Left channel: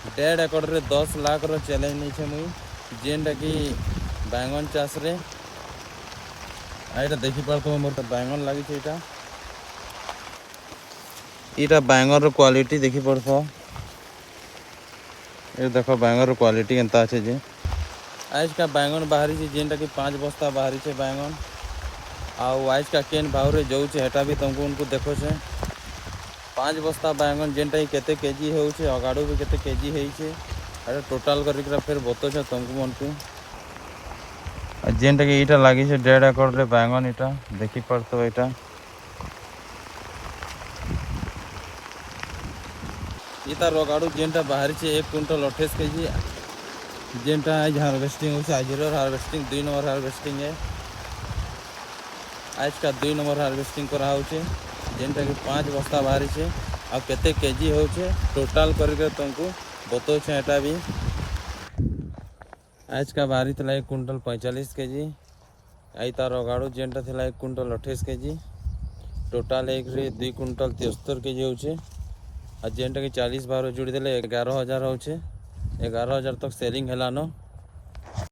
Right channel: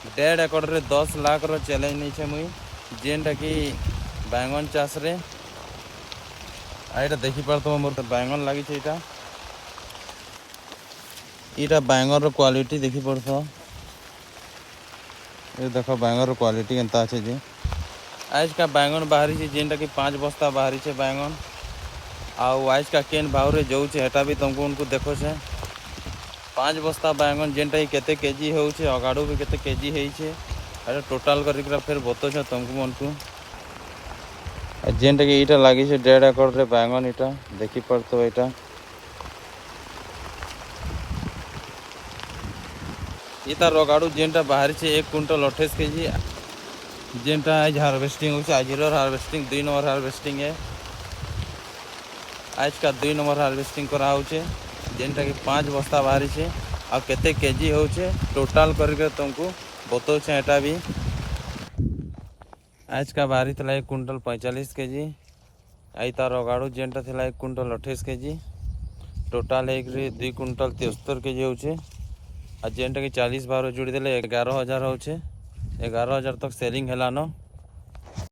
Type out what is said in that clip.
1.5 एकड़ रे 10 लाख रो चैलेंज नहीं छे मुई जेनटा कि बैंगन चाष रे आइटा देखि पारतो मोर तो बैंगन लागी छे इटा बैंगन रो क्वालिटी देखि पड़तो ये देखो बैंगन रो क्वालिटी केनता छे जे आज का बैंगन बाहरी छे जेनटा कि 5 बस्ता बाहरी छे बैंगन आउ आज का केन भाव रे जाऊ छे हेटा भी तुमको उनको देखो छे 5 बस्ता बैंगन जेनटा कि केते केजी हो छे अगाडू भी केते केजी हेई छे अरे टोटल करिकरा फिर बतो छे तुमको मनकू जेनटा कि इटा लागी छे 1.5 एकड़ रे बैंगन इटा देखि पड़तो इटा इता रोगाड़ू जेनटा बाहरी छे 1 क्विंटल 28 केजी जेनटा आज हार्वेस्टिंग हो आज हार्वेस्टिंग 2 नंबर हार्वेस्टिंग है आज का 2 नंबर हार्वेस्टिंग करा हो छे जेनटा कि 5 बस्ता बाहरी छे आ केते केजी हो छे टोटल करके तुमको बतो छे एटा भी आज का बाहरी थला 1 क्विंटल 45 केजी आई तार रोगाड़ू जेनटा थला 1 क्विंटल 28 केजी टोटल एक 2 क्विंटल 73 केजी हो छे आ जेनटा कि 40 बार जोड़ी देले 11,000 हो छे 11,000 तक सेलिंग हेलानो